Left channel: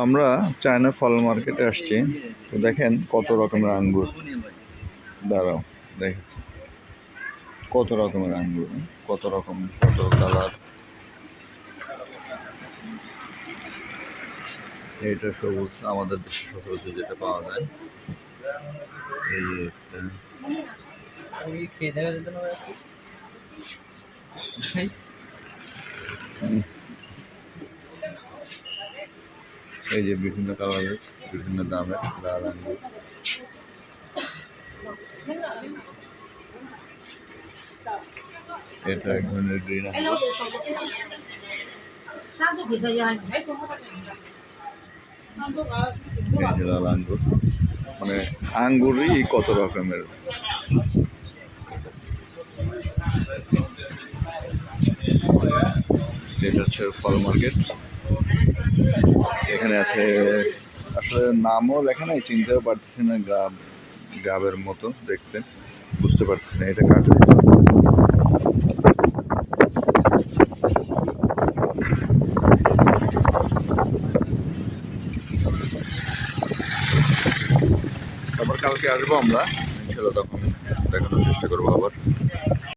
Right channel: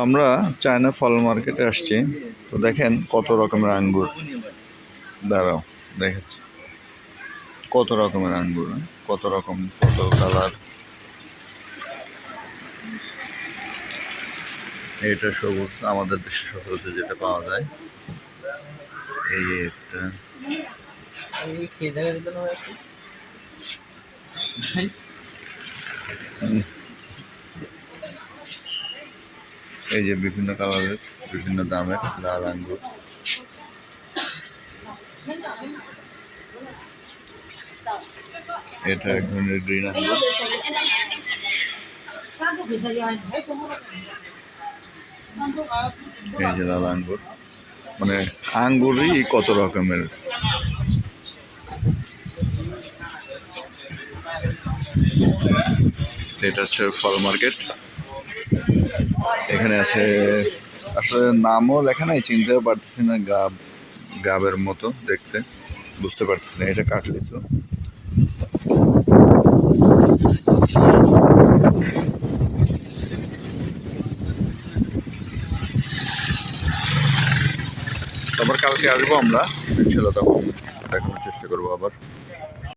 আমরা চায়না ফল মার্কেটে আসছি। তো দেখেন কত রকমের আঙ্গুর। দাঁড়াও দেখাচ্ছি কত রকমের আঙ্গুর, কত রকম, কত কালার। এটা সবুজ, আমাদের দেশে সচরাচর যেটা পাওয়া যায়। এই একটা এই যে বিভিন্ন কালারের, বিভিন্ন দামের লাল আঙ্গুর। এটা এক ধরনের গ্রিন আঙ্গুর। এই যে লাল আঙ্গুর, মানে আঙ্গুরই কত রকমের। এটা হচ্ছে ফল মার্কেট। এখানে আছে, আসলে নামও লেখা নাই, চিনতেও পারতেছি না। গাবের মতো দেখতে, বুঝতে পারতেছি না এটা কাঠ দিচ্ছে। আবার কালকে আসবো আমরা, ইনশাল্লাহ তখন দেখানোর চেষ্টা করবো আবার।